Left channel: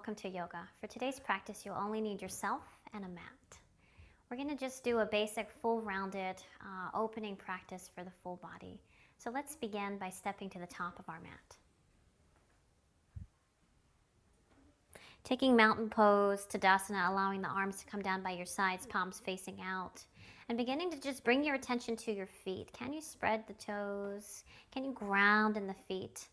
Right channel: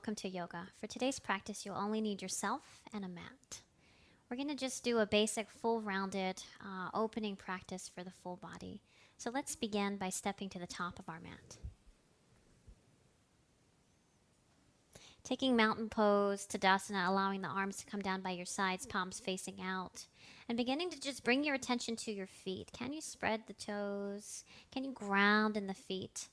welcome to yoga. For today's practice, you'll only need yourself and a mat. We're going to just do a basic full rounded opening practice for the full body. So let's begin by stepping to the top of our mat. Taking mountain pose, Tadasana, allowing the arms to come down by your sides, palms facing out. And beginning to just bring your attention to your feet. Can you spread the toes? Can you ground in the feet?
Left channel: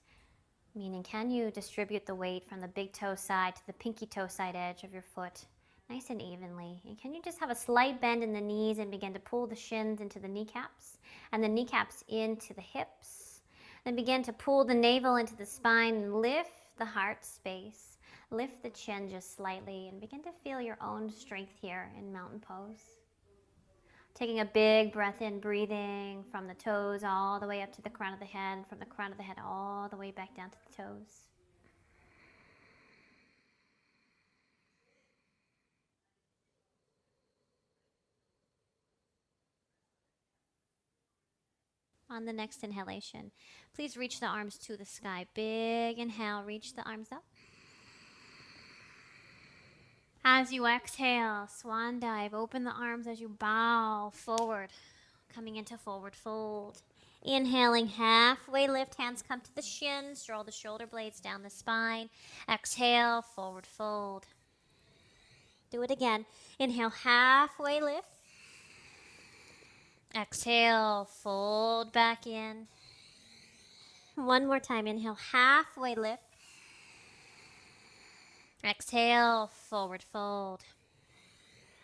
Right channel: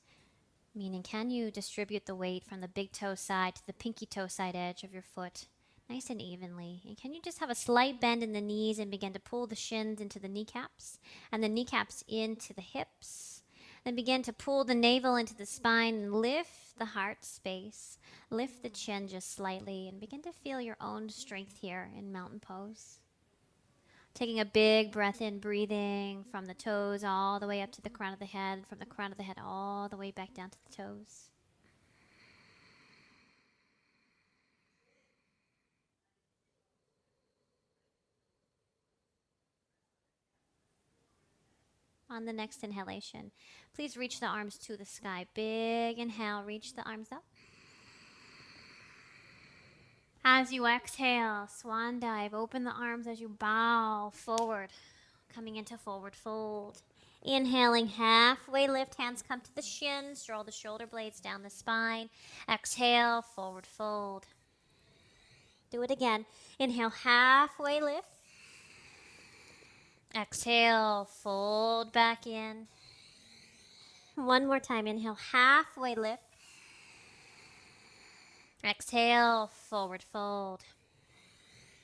Meaning, can you distribute the weight from the big toe side to the pinky toe side edge of your foot nice and evenly? And can you just have a slight bend in the knees and begin to pull the shins into the kneecaps and the kneecaps into the hips? Then begin to pull the navel into the spine and lift the heart space. Lift the chin just slightly and begin to feel your own strength here in mountain pose. Taking a big breath in, breathing from the toes all the way up to the crown of the head, from the crown of the head all the way back down to the toes. On the next inhalation, please reach the arms to the sky. Big inhale, reach the arms up. As you exhale, swan dive, open the arms as you bow forward, coming into forward fold. Inhaling, halfway lift, hands come to the shins, draw the shoulder blades down the spine. Exhale, forward fold. Do it again. Inhale, halfway lift. Exhale, fold back in. One more time, inhale, halfway lift. Exhale, forward fold.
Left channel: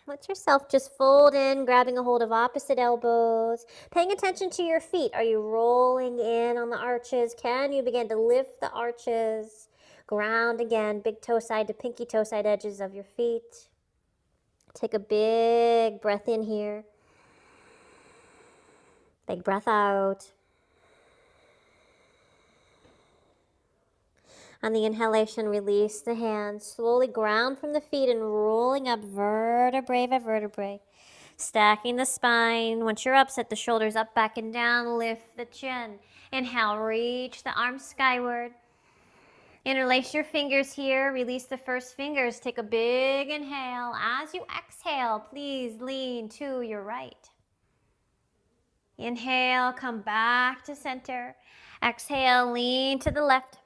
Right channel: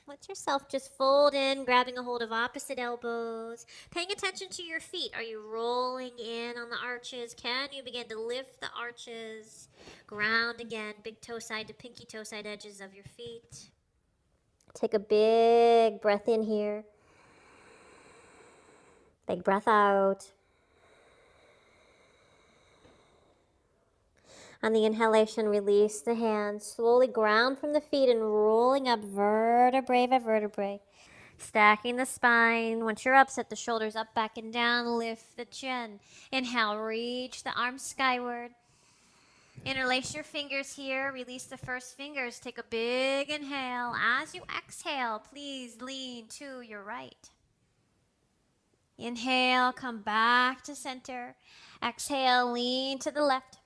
Let yourself just fold in, grabbing a hold of opposite elbows. Paying attention to your feet. Are you rolling in on the arches? Can you begin to lift the arches? Ground again, big toe side to pinky toe side edges of your feet. Take a big breath in here. Big breath out. On the inhalation, release the hands. Slowly ground from the feet and rolling up vertebrae by vertebrae. Stacking the spine. Once you're up, set the shoulders up, back, and down. Lift the chin. Inhale, reach the arms skyward. Interlace your fingers here. Release the first fingers. Take a big inhale. As you exhale, please lean to your right. Inhale, come back to center. Exhale, lean to the left.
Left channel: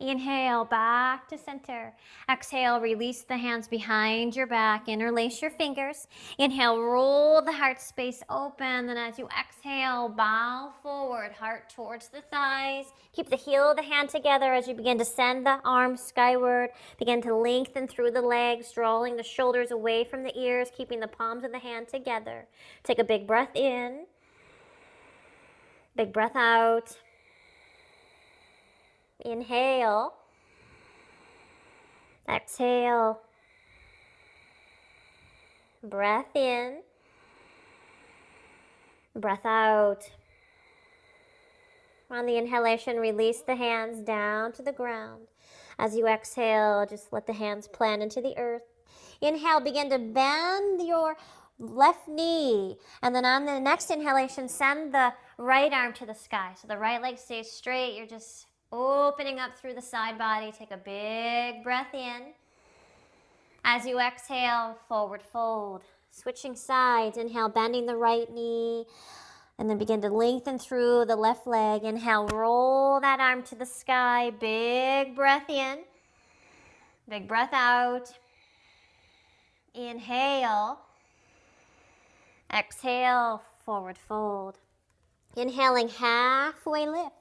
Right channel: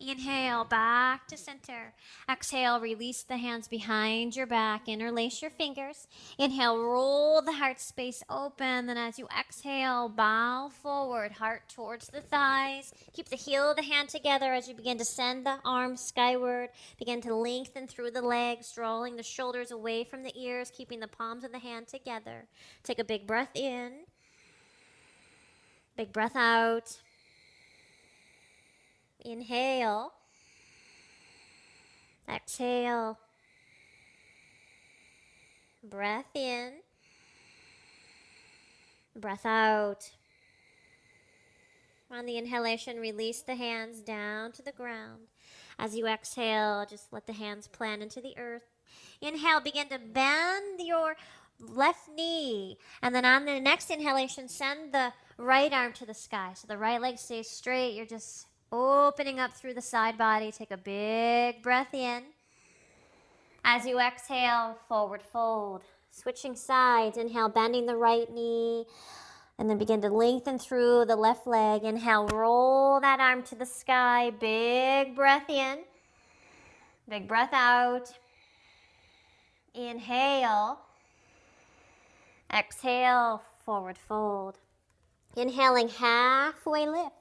Inhale, back to center. Exhale, release the hands behind your back. Interlace your fingers. Inhale, roll the heart space open. Then as you exhale, bow forward, heart towards the thighs. Keep the heel of the hand together as you begin to send the arms skyward. Begin to lengthen through the legs, drawing the shoulders away from the ears, keeping the palms of the hand together. Take a big breath in. Big breath out. Inhale. Exhale. Breath in. Breath out. On the inhalation, release the hands down to the ground. As you exhale, just let the hands plant into the earth. Inhale, begin to bend your left knee. And then on the next inhalation, send the right arm to the sky. So the right leg stays straight. You're just opening up through the side body. Take a big breath in. As you exhale, forward fold. Switching sides. Inhale, bending the right knee. And then begin to lengthen through the left leg. Inhale, roll that arm to the sky. Big breath in. Big breath out. Inhale. Exhale, forward fold. Inhaling, halfway lift.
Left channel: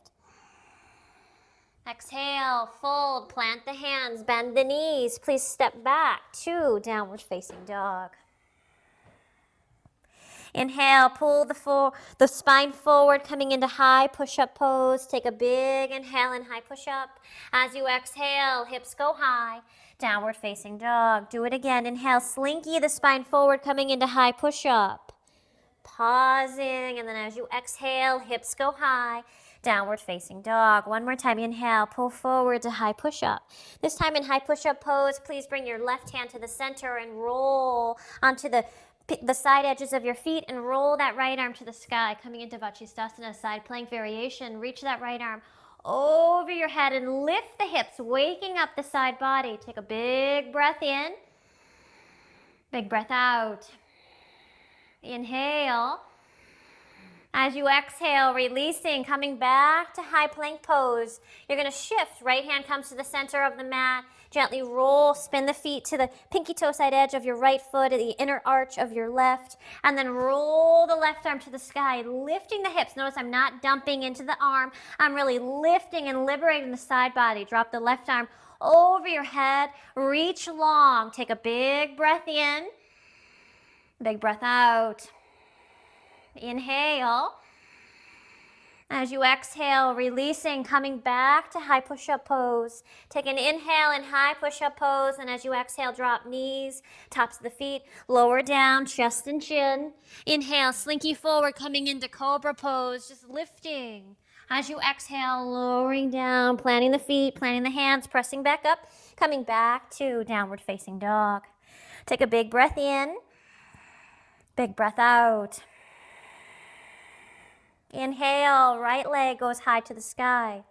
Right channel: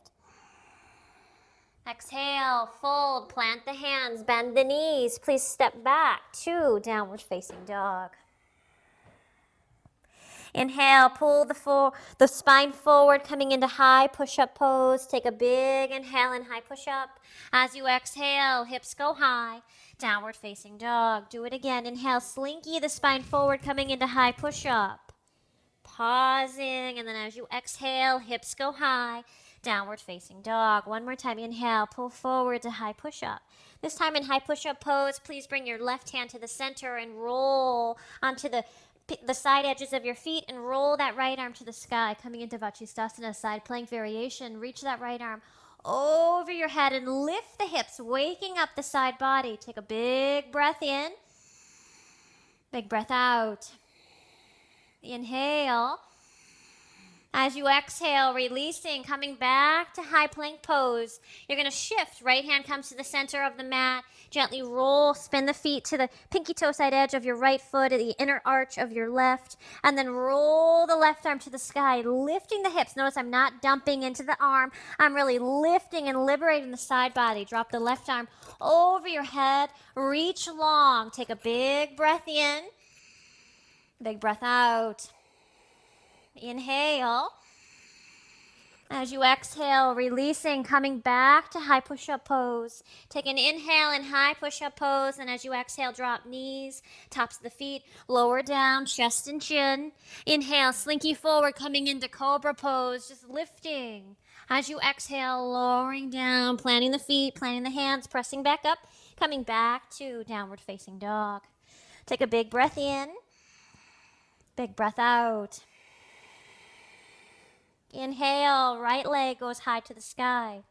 Exhale, fold, plant the hands, bend the knees. Please step back to downward facing dog. Inhale, pull the spine forward, coming into high push-up pose. Take a big inhale and high push-up. As you exhale, hips go high. Downward facing dog. Do it again. Inhale, slinky the spine forward, coming into high push-up. Pausing, and then as you exhale, hips go high. Downward facing dog. One more time. Inhale, pull forward to high push-up. This time in high push-up pose, please bring your left hand to the center and roll onto the side edges of your feet and roll that right arm to the sky. Coming into Vajrasthana, side plank variation. Reach that right arm over your head and lift the hips, waking up the side body. Take a big breath in. Big breath out. Inhale. As you exhale, releasing, coming back to high plank pose. You're going to shift. Right hand comes to the center of the mat. Gently roll, spin the feet to the pinky toe side edge of your right foot, the inner arch of your left, and then roll the left arm to the sky, lifting the hips. Notice I'm not dumping into the arm. I'm really lifting and liberating the side body. Drop the left arm over your head. Reach long. Take a big breath in. Big breath out. Inhale. As you exhale, releasing, coming back to high push-up pose. Take an inhale in high push-up pose, and as you exhale, drop knees, tops of the feet, lower down, chest and chin. Inhale, slinky forward, coming into cobra pose, just lifting. As you exhale, lowering down, planting the feet, planting the hands, pressing back up, coming back to downward facing dog. Take a big breath in, big breath out. Inhale, right leg goes high to the sky.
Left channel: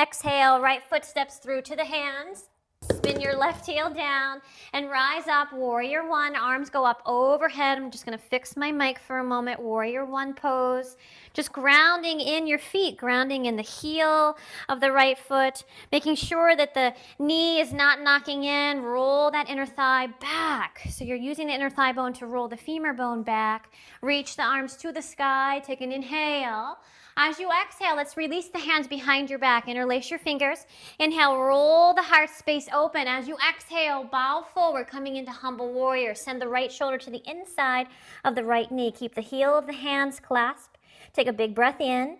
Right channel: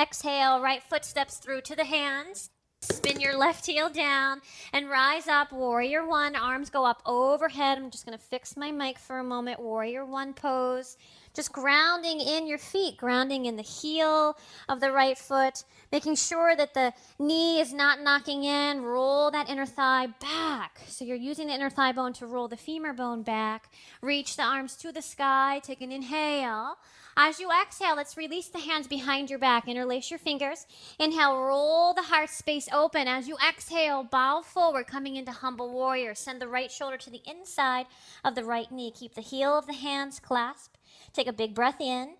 Exhale, right foot steps through to the hands. Spin your left heel down and rise up, warrior one. Arms go up overhead. I'm just going to fix my mic for a moment. Warrior one pose. Just grounding in your feet, grounding in the heel of the right foot, making sure that the knee is not knocking in. Roll that inner thigh back. So you're using the inner thigh bone to roll the femur bone back. Reach the arms to the sky. Take an inhale. As you exhale, let's release the hands behind your back. Interlace your fingers. Inhale, roll the heart space open. As you exhale, bow forward, coming into humble warrior. Send the right shoulder to the inside of the right knee. Keep the heel of the hands clasped. Take a big breath in.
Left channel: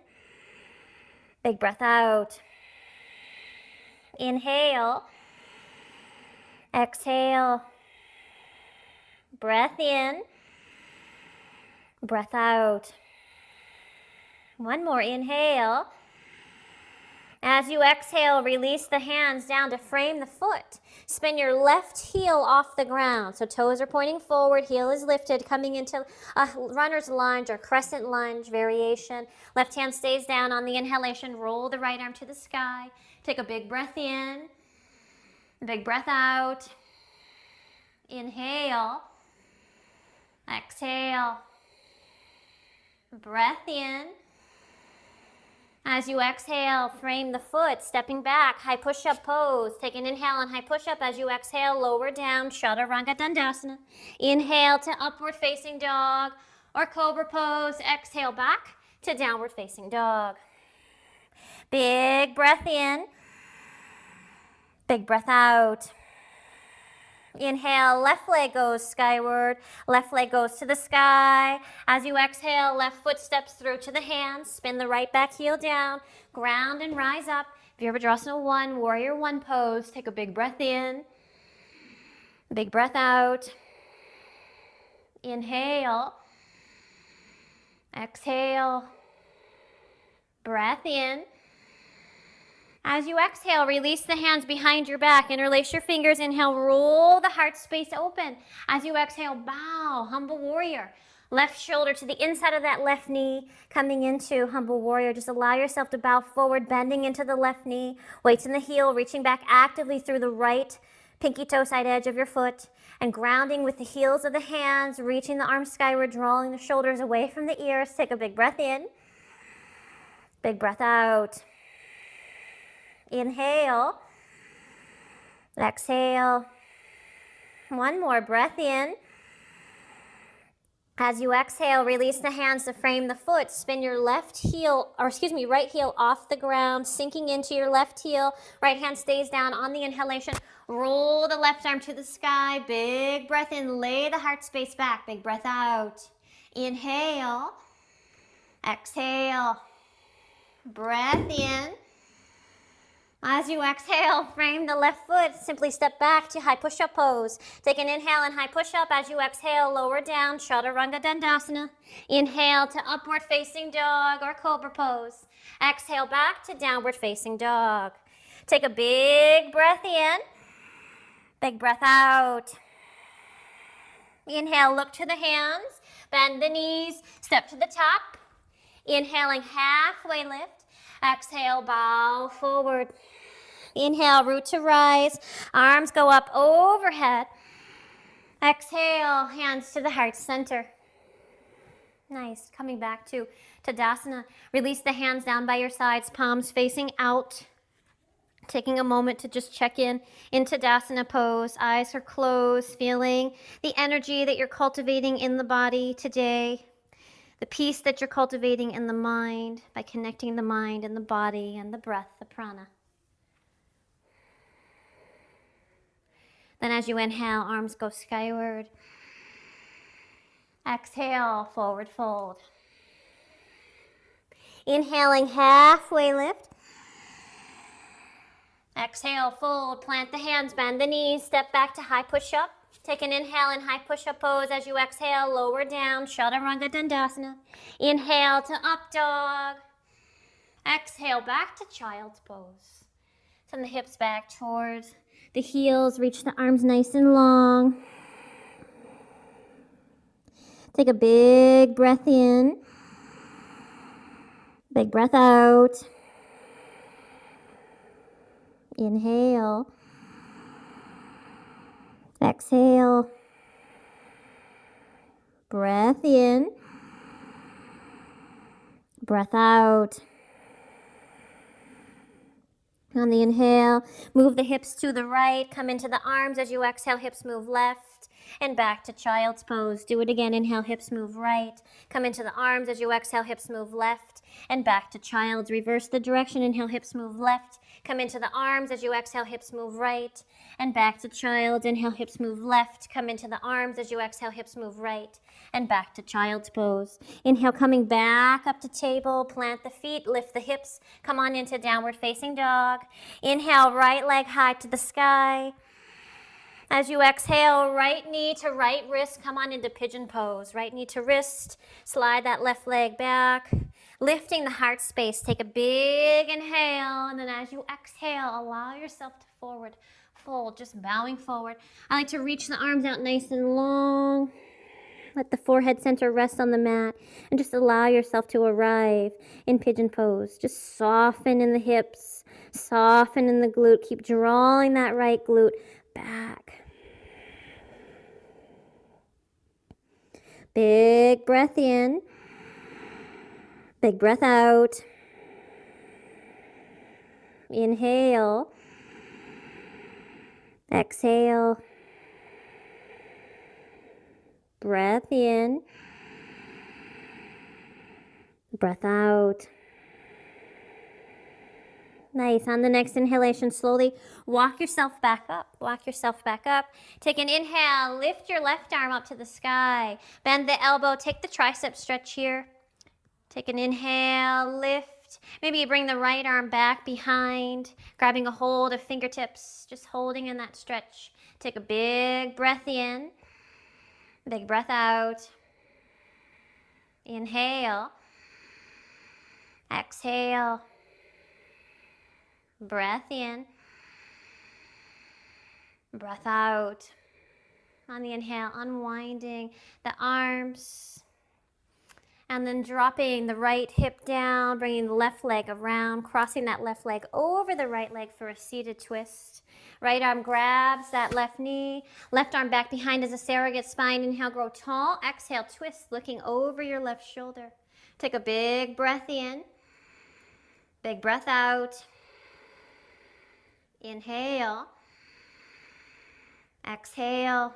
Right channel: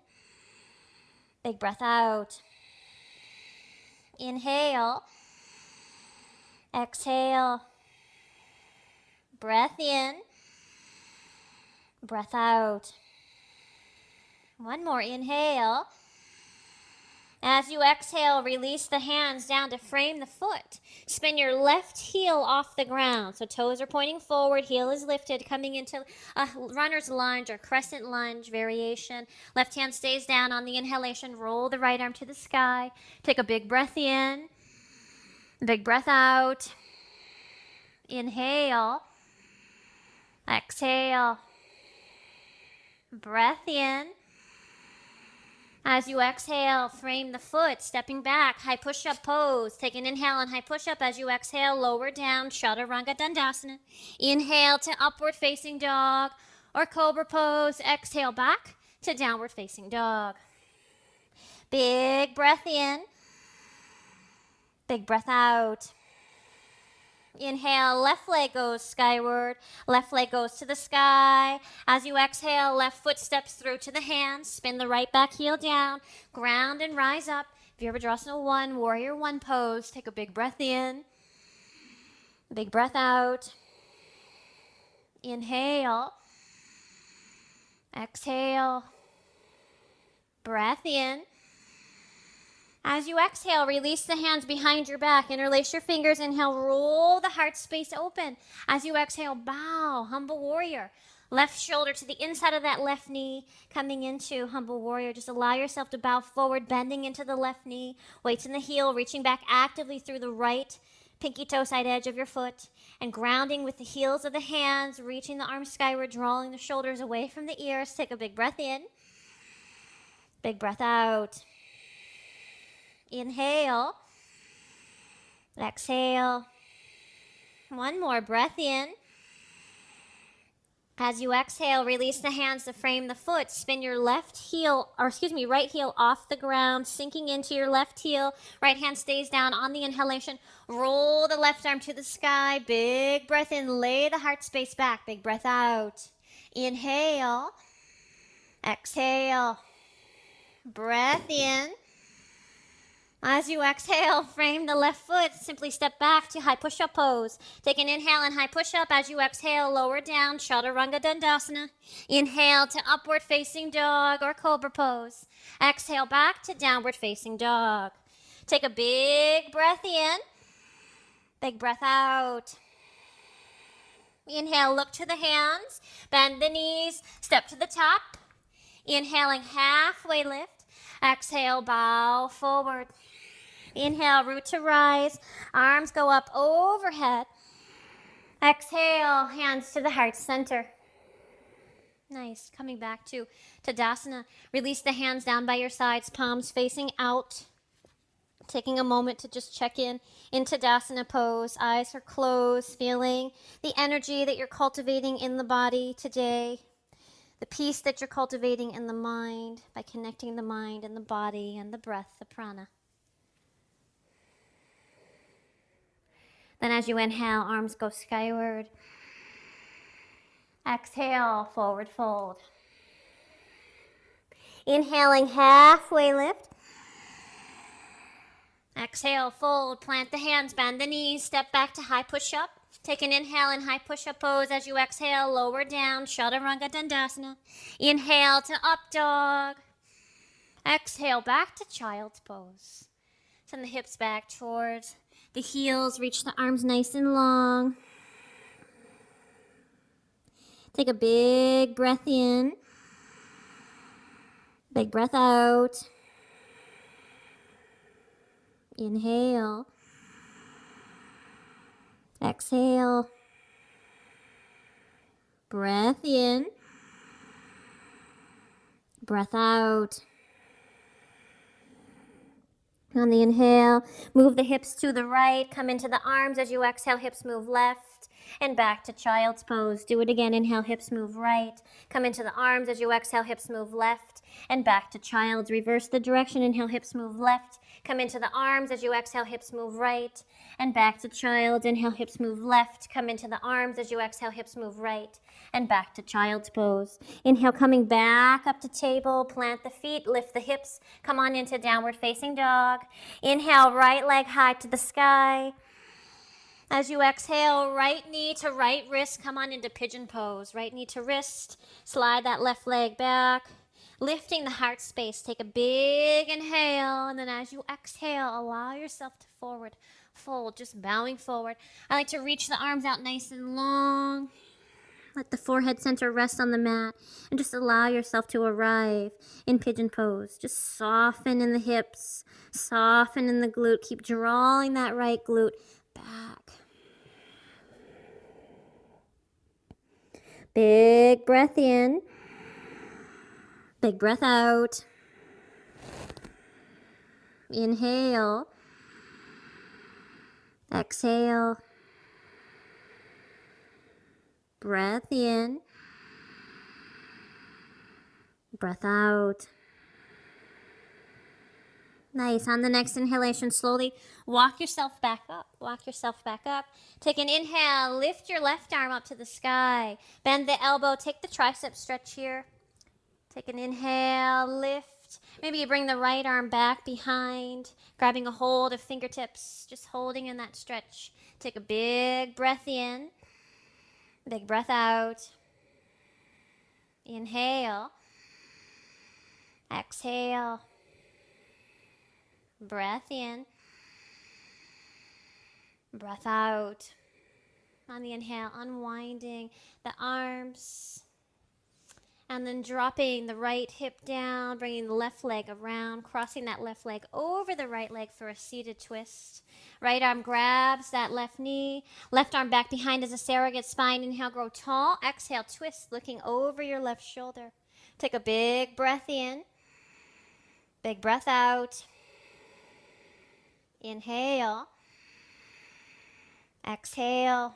Big breath out. Inhale. Exhale. Breath in. Breath out. One more inhale. As you exhale, release the hands down to frame the foot. Spin your left heel off the ground. So toes are pointing forward, heel is lifted, coming into a runner's lunge or crescent lunge variation. Left hand stays down on the inhalation. Roll the right arm to the sky. Take a big breath in. Big breath out. Inhale. Exhale. Breath in. As you exhale, frame the foot, stepping back, high push-up pose. Take an inhale on high push-up. As you exhale, lower down, Chaturanga Dandasana. Inhale to upward facing dog or cobra pose. Exhale back to downward facing dog. Big breath in. Big breath out. Inhale, left leg goes skyward, left leg goes to the sky. As you exhale, left foot steps through to the hands. Spin the right back heel down, ground and rise up. Virabhadrasana 1, warrior 1 pose. Take a big breath in, big breath out. Inhale, exhale, breath in. As you exhale, release the hands behind your back. Interlace your fingers. Inhale, roll the heart space open. As you exhale, bow, humble warrior. Left shoulder to the inside of that left knee, coming into humble warrior. Just allow yourself to bow forward, bending into the left knee. Weights in the heel, reaching back actively through the right pinky toe side edge of your foot. And grounding with the heels of the hands, reaching the arms skyward, drawing the shoulders away from the ears. Take a big breath in. Big breath out. Inhale, exhale. One more breath in. As you exhale, release the hands to frame the foot. Spin your right heel off the ground, sinking into your left heel. Right hand stays down on the inhalation. Roll the left arm to the sky. Big breath in, lay the heart space back. Big breath out. Inhale, exhale, breath in. As you exhale, frame the left foot. Simply step back to high push-up pose. Take an inhale and high push-up. As you exhale, lower down, Chaturanga Dandasana. Inhale to upward facing dog or cobra pose. Exhale back to downward facing dog. Take a big breath in. Big breath out. Inhale, look to the hands. Bend the knees. Step to the top. Inhaling, halfway lift. Exhale, bow forward. Inhale, root to rise. Arms go up overhead. Exhale, hands to the heart center. Nice. Coming back to Tadasana. Release the hands down by your sides, palms facing out. Taking a moment to just check in Tadasana pose. Eyes are closed, feeling the energy that you're cultivating in the body today. The peace that you're cultivating in the mind by connecting the mind and the body and the breath, the prana. Then as you inhale, arms go skyward. Exhale, forward fold. Inhaling, halfway lift. Exhale, fold, plant the hands, bend the knees, step back to high push-up. Take an inhale in high push-up pose. As you exhale, lower down, Chaturanga Dandasana. Inhale to up dog. Exhale, back to child's pose. Send the hips back towards the heels. Reach the arms nice and long. Take a big breath in. Big breath out. Inhale. Exhale. Breath in. Breath out. On the inhale, move the hips to the right. Come into the arms. As you exhale, hips move left and back to child's pose. Do it again. Inhale, hips move right. Come into the arms. As you exhale, hips move left and back to child's. Reverse the direction. Inhale, hips move left. Come into the arms. As you exhale, hips move right and back to child's. Inhale, hips move left. Come into the arms. As you exhale, hips move right and back to child's pose. Inhale, coming back up to table. Plant the feet, lift the hips. Come on into downward facing dog. Inhale, right leg high to the sky. As you exhale, right knee to right wrist. Come on into pigeon pose. Right knee to wrist. Slide that left leg back. Lifting the heart space. Take a big inhale. And then as you exhale, allow yourself to forward fold. Just bowing forward. I like to reach the arms out nice and long. Let the forehead center rest on the mat. And just allow yourself to arrive in pigeon pose. Just soften in the hips. Soften in the glute. Keep drawing that right glute back. Big breath in. Big breath out. Inhale. Exhale. Breath in. Breath out. Nice. On the next inhalation, slowly walk yourself back up. Walk yourself back up. Take an inhale. Lift your left arm up to the sky. Bend the elbow. Take the tricep stretch here. Take an inhale. Lift. Maybe you bring the right arm back behind, grabbing a hold of fingertips, just holding in that stretch. Take a big breath in. Big breath out. Inhale. Exhale. Breath in. Breath out. On the inhale, unwinding the arms. And then dropping the right hip down, bringing the left leg around, crossing that left leg over the right leg for a seated twist. Right arm grabs that left knee. Left arm back behind as a surrogate spine. Inhale, grow tall. Exhale, twist, looking over your left shoulder. Take a big breath in. Big breath out. Inhale. Exhale.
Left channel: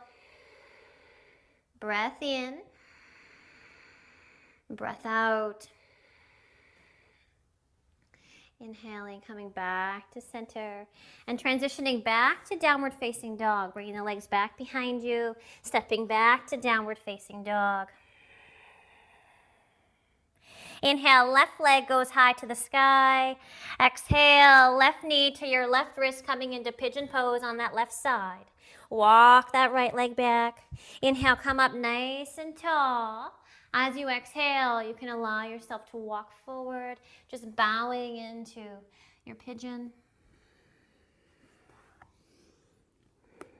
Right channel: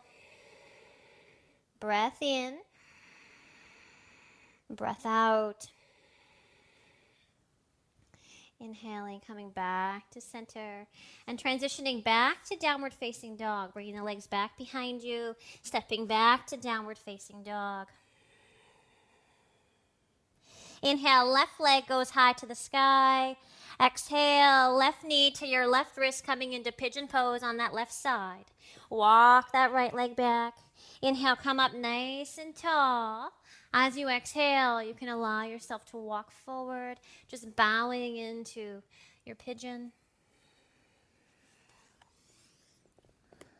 Breath in. Breath out. Inhaling, coming back to center and transitioning back to downward facing dog, bringing the legs back behind you, stepping back to downward facing dog. Inhale, left leg goes high to the sky. Exhale, left knee to your left wrist, coming into pigeon pose on that left side. Walk that right leg back. Inhale, come up nice and tall. As you exhale, you can allow yourself to walk forward, just bowing into your pigeon.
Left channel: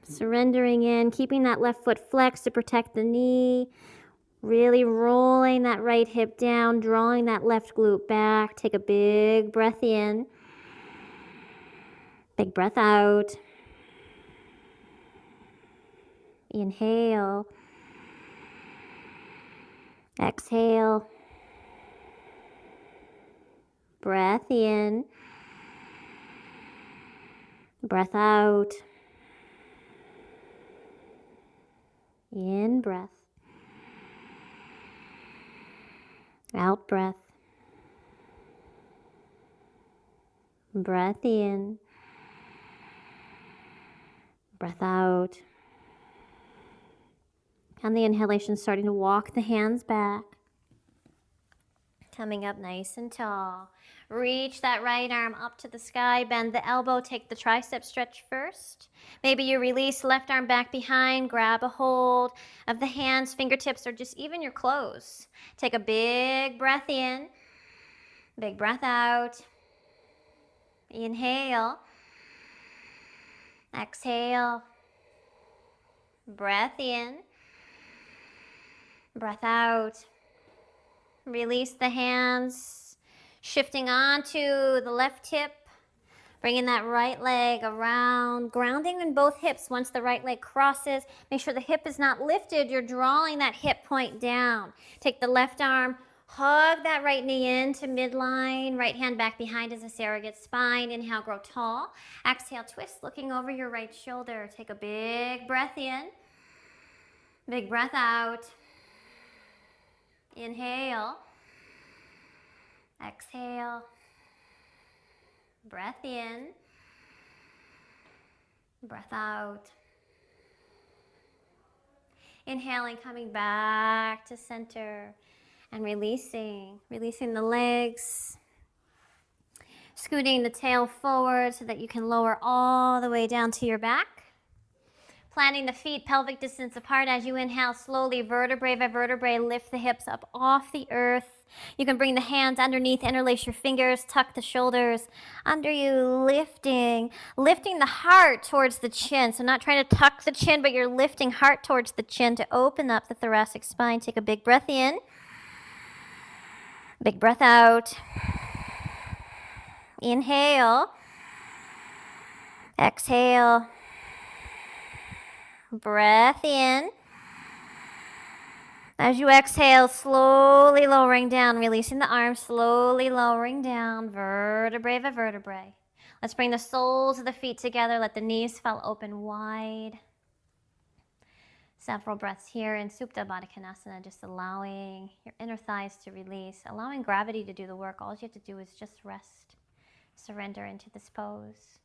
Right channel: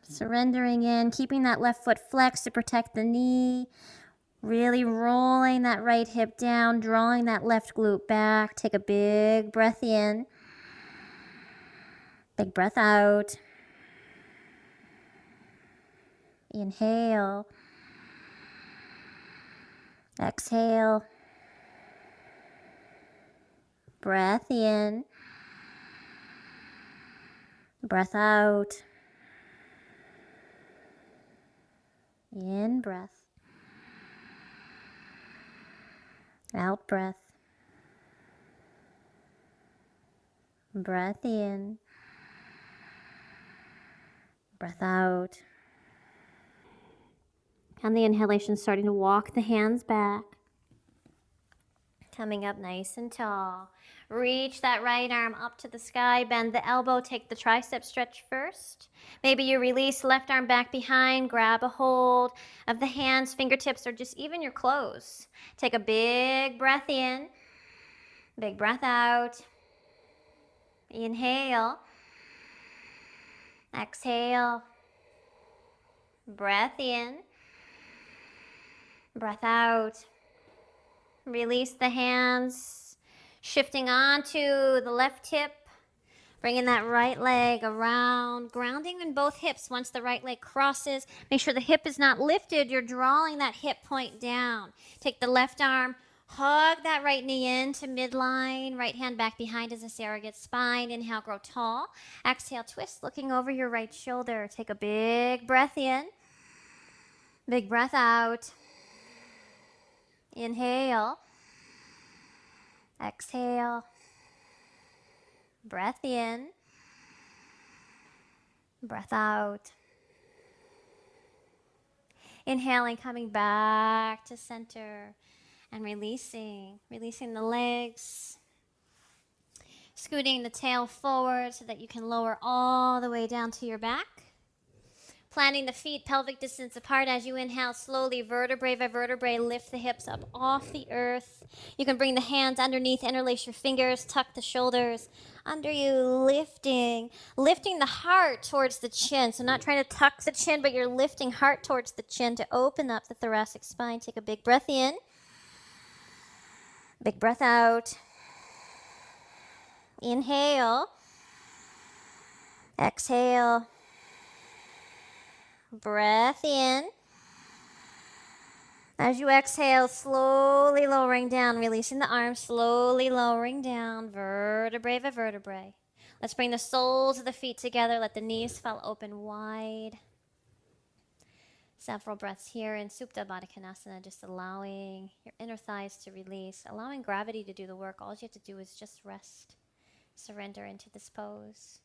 Surrendering in, keeping that left foot flexed to protect the knee. Really rolling that right hip down, drawing that left glute back. Take a big breath in. Big breath out. Inhale. Exhale. Breath in. Breath out. In breath. Out breath. Breath in. Breath out. On the inhalation, starting to walk the hands back. Coming up nice and tall. Reach that right arm up to the sky. Bend the elbow. Take the tricep stretch first. Maybe you release left arm back behind. Grab a hold of the hands, fingertips, or just even your clothes. Take a big breath in. Big breath out. Inhale. Exhale. Breath in. Breath out. Release the hands, shifting onto the left hip, bringing that right leg around, grounding in both hips. Once the right leg crosses, make sure the hip is not lifted. You're drawing that hip point down. Take the left arm, hug that right knee into midline, right hand back behind as a surrogate spine. Inhale, grow tall. Exhale, twist, looking over your right shoulder. Take a big breath in, big breath out. Inhale. Exhale. Breath in. Breath out. Inhaling, coming back to center and releasing the legs. Scooting the tail forward so that you can lower all the way down to your back. Planting the feet pelvic distance apart as you inhale slowly, vertebrae by vertebrae, lift the hips up off the earth. You can bring the hands underneath, interlace your fingers, tuck the shoulders under you, lifting the heart towards the chin. So not trying to tuck the chin, but you're lifting heart towards the chin to open up the thoracic spine. Take a big breath in, big breath out. Inhale, exhale. Breath in. As you exhale, slowly lowering down, releasing the arms, slowly lowering down, vertebrae by vertebrae. Let's bring the soles of the feet together. Let the knees fall open wide. Several breaths here in Supta Baddha Konasana, just allowing your inner thighs to release, allowing gravity to do the work. All you have to do is just rest, surrender into this pose.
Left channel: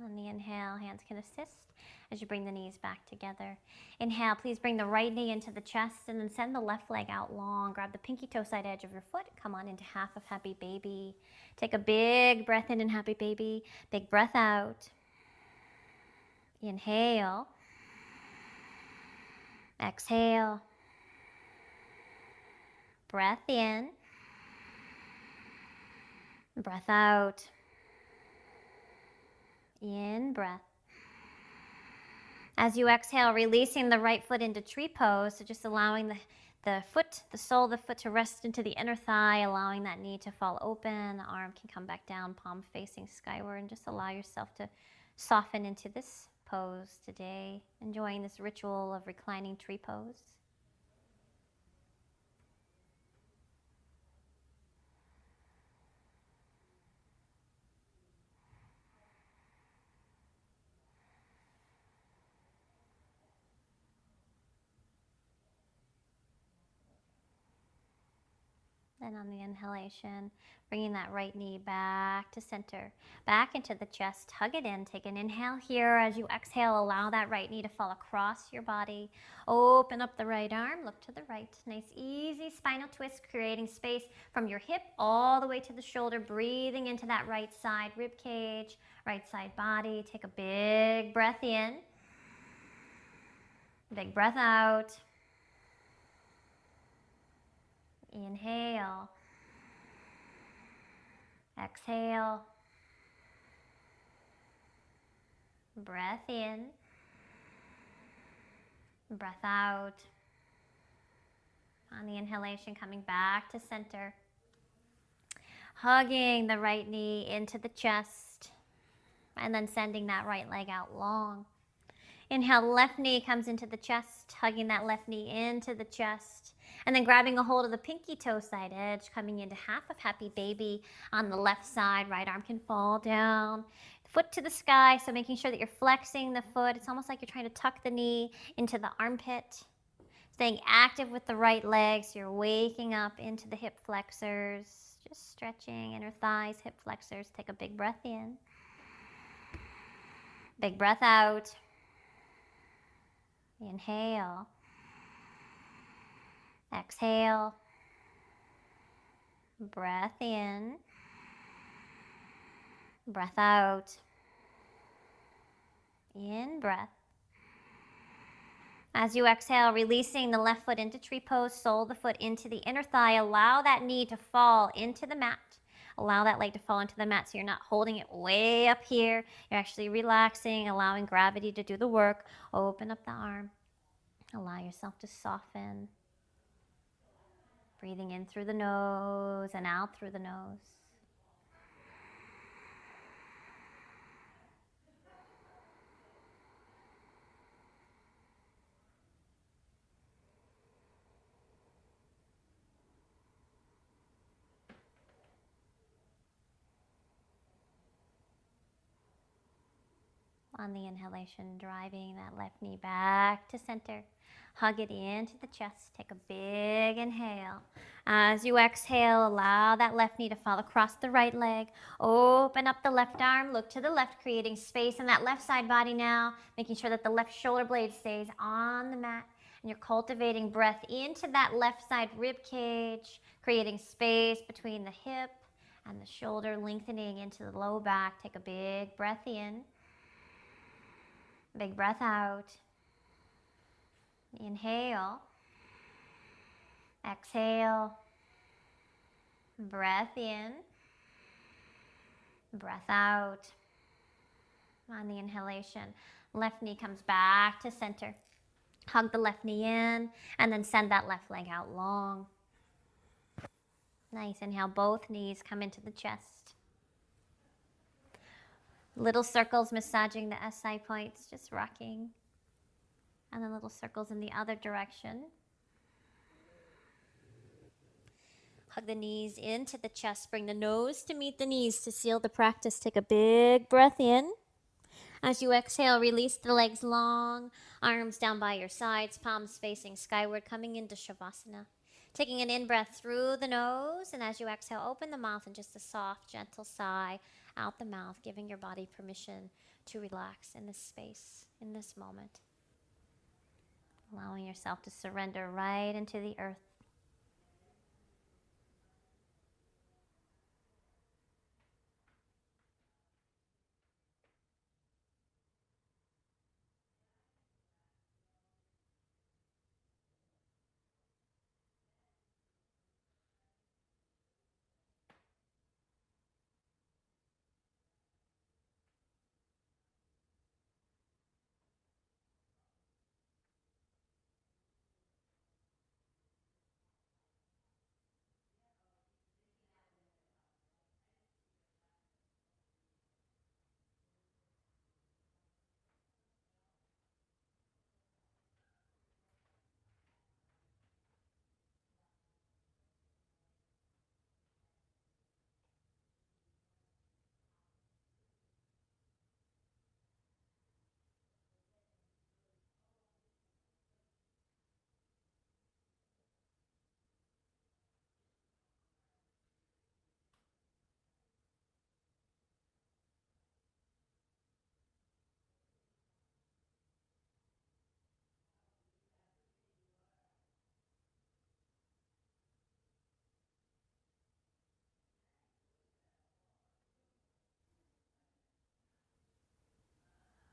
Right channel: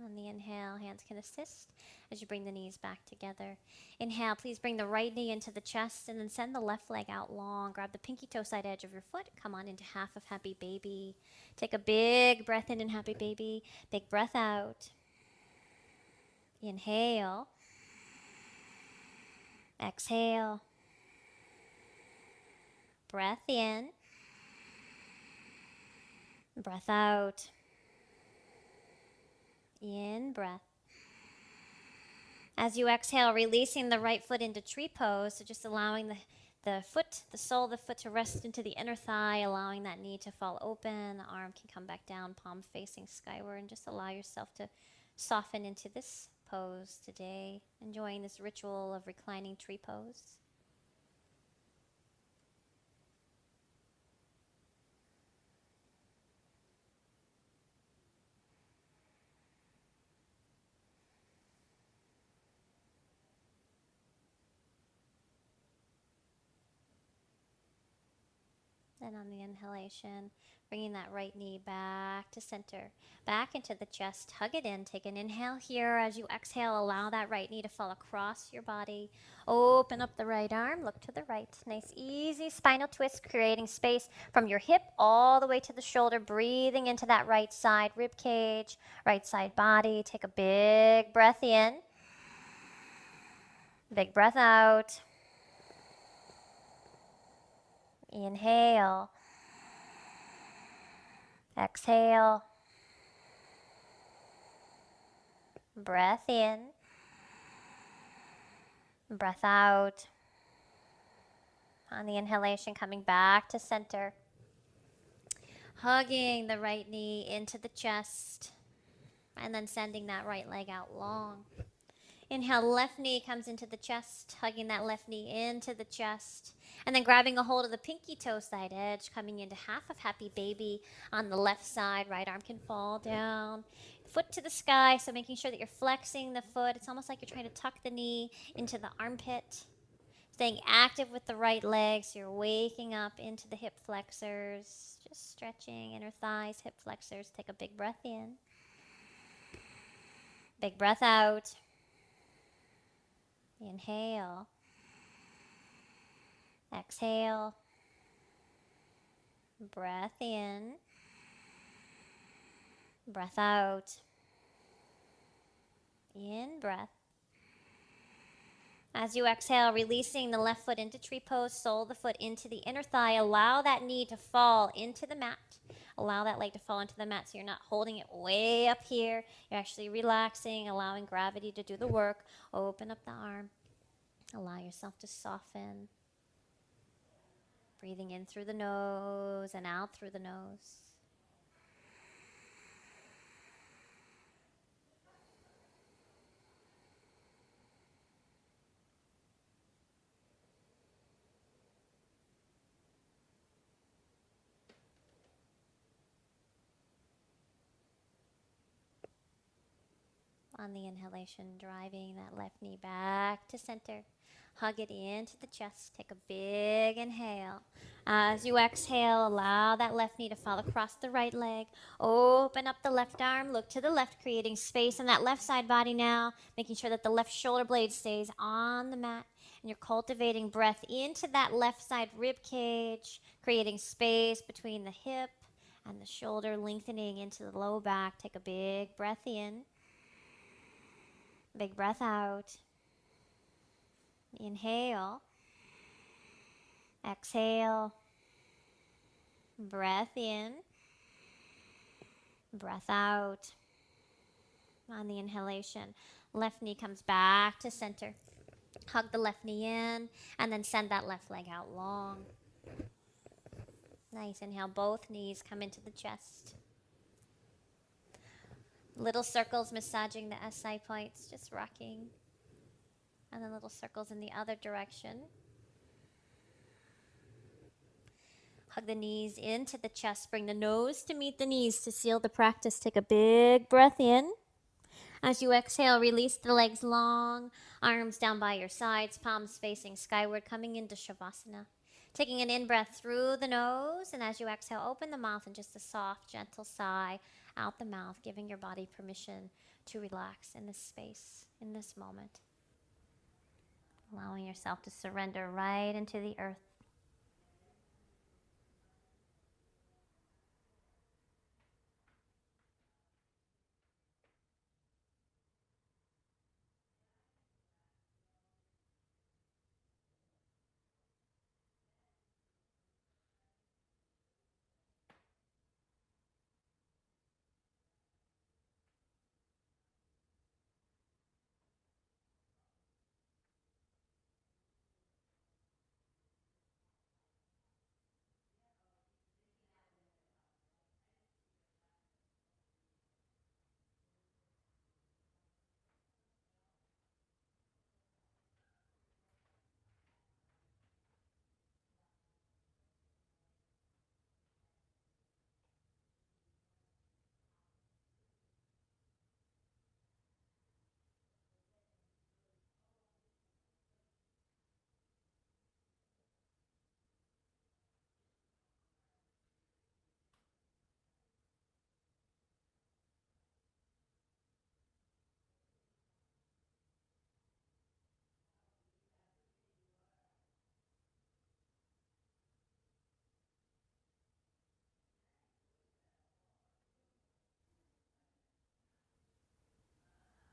On the inhale, hands can assist as you bring the knees back together. Inhale, please bring the right knee into the chest and then send the left leg out long. Grab the pinky toe side edge of your foot. Come on into half of Happy Baby. Take a big breath in Happy Baby. Big breath out. Inhale. Exhale. Breath in. Breath out. In breath. As you exhale, releasing the right foot into tree pose, so just allowing the sole of the foot to rest into the inner thigh, allowing that knee to fall open, the arm can come back down, palm facing skyward, and just allow yourself to soften into this pose today, enjoying this ritual of reclining tree pose. And on the inhalation, bringing that right knee back to center, back into the chest, hug it in. Take an inhale here. As you exhale, allow that right knee to fall across your body. Open up the right arm, look to the right. Nice, easy spinal twist, creating space from your hip all the way to the shoulder, breathing into that right side rib cage, right side body. Take a big breath in. Big breath out. Inhale. Exhale. Breath in. Breath out. On the inhalation, coming back to center. Hugging the right knee into the chest. And then sending that right leg out long. Inhale, left knee comes into the chest, hugging that left knee into the chest. And then grabbing a hold of the pinky toe side edge, coming into half of happy baby on the left side. Right arm can fall down. Foot to the sky, so making sure that you're flexing the foot. It's almost like you're trying to tuck the knee into the armpit. Staying active with the right leg, so you're waking up into the hip flexors. Just stretching inner thighs, hip flexors. Take a big breath in. Big breath out. Inhale. Exhale. Breath in. Breath out. In breath. As you exhale, releasing the left foot into tree pose, sole the foot into the inner thigh. Allow that knee to fall into the mat. Allow that leg to fall into the mat so you're not holding it way up here. You're actually relaxing, allowing gravity to do the work. Open up the arm. Allow yourself to soften. Breathing in through the nose and out through the nose. On the inhalation, driving that left knee back to center. Hug it into the chest. Take a big inhale. As you exhale, allow that left knee to fall across the right leg. Open up the left arm. Look to the left, creating space in that left side body now. Making sure that the left shoulder blade stays on the mat. And you're cultivating breath into that left side rib cage, creating space between the hip and the shoulder, lengthening into the low back. Take a big breath in. Big breath out. Inhale. Exhale. Breath in. Breath out. On the inhalation, left knee comes back to center. Hug the left knee in and then send that left leg out long. Nice. Inhale, both knees come into the chest. Little circles massaging the SI points, just rocking. And then little circles in the other direction. Hug the knees into the chest. Bring the nose to meet the knees to seal the practice. Take a big breath in. As you exhale, release the legs long, arms down by your sides, palms facing skyward, coming into Shavasana. Taking an in-breath through the nose, and as you exhale, open the mouth and just a soft, gentle sigh out the mouth, giving your body permission to relax in this space, in this moment. Allowing yourself to surrender right into the earth.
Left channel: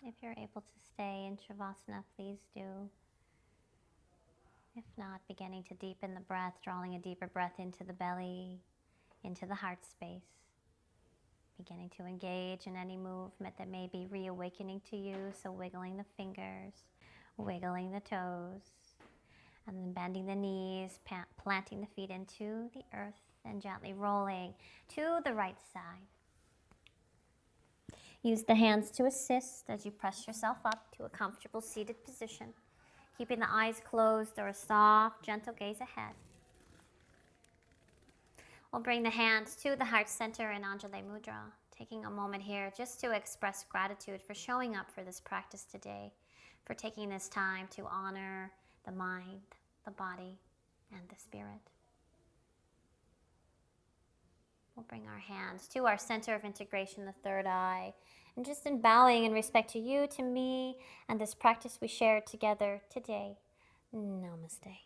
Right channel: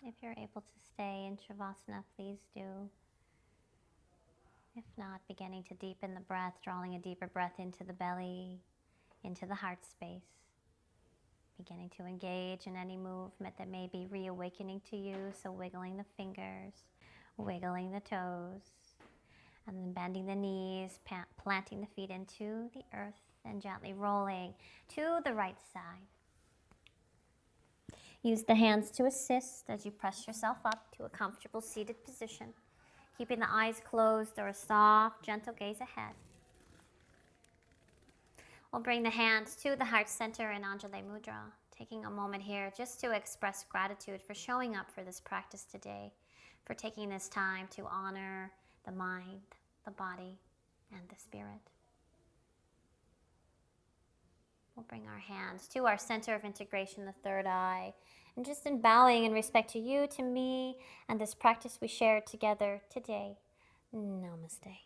If you're able to stay in Shavasana, please do. If not, beginning to deepen the breath, drawing a deeper breath into the belly, into the heart space. Beginning to engage in any movement that may be reawakening to you. So wiggling the fingers, wiggling the toes, and then bending the knees, planting the feet into the earth, and gently rolling to the right side. Use the hands to assist as you press yourself up to a comfortable seated position, keeping the eyes closed or a soft, gentle gaze ahead. We'll bring the hands to the heart center in Anjali Mudra, taking a moment here just to express gratitude for showing up for this practice today, for taking this time to honor the mind, the body, and the spirit. We'll bring our hands to our center of integration, the third eye, and just in bowing in respect to you, to me, and this practice we shared together today. Namaste.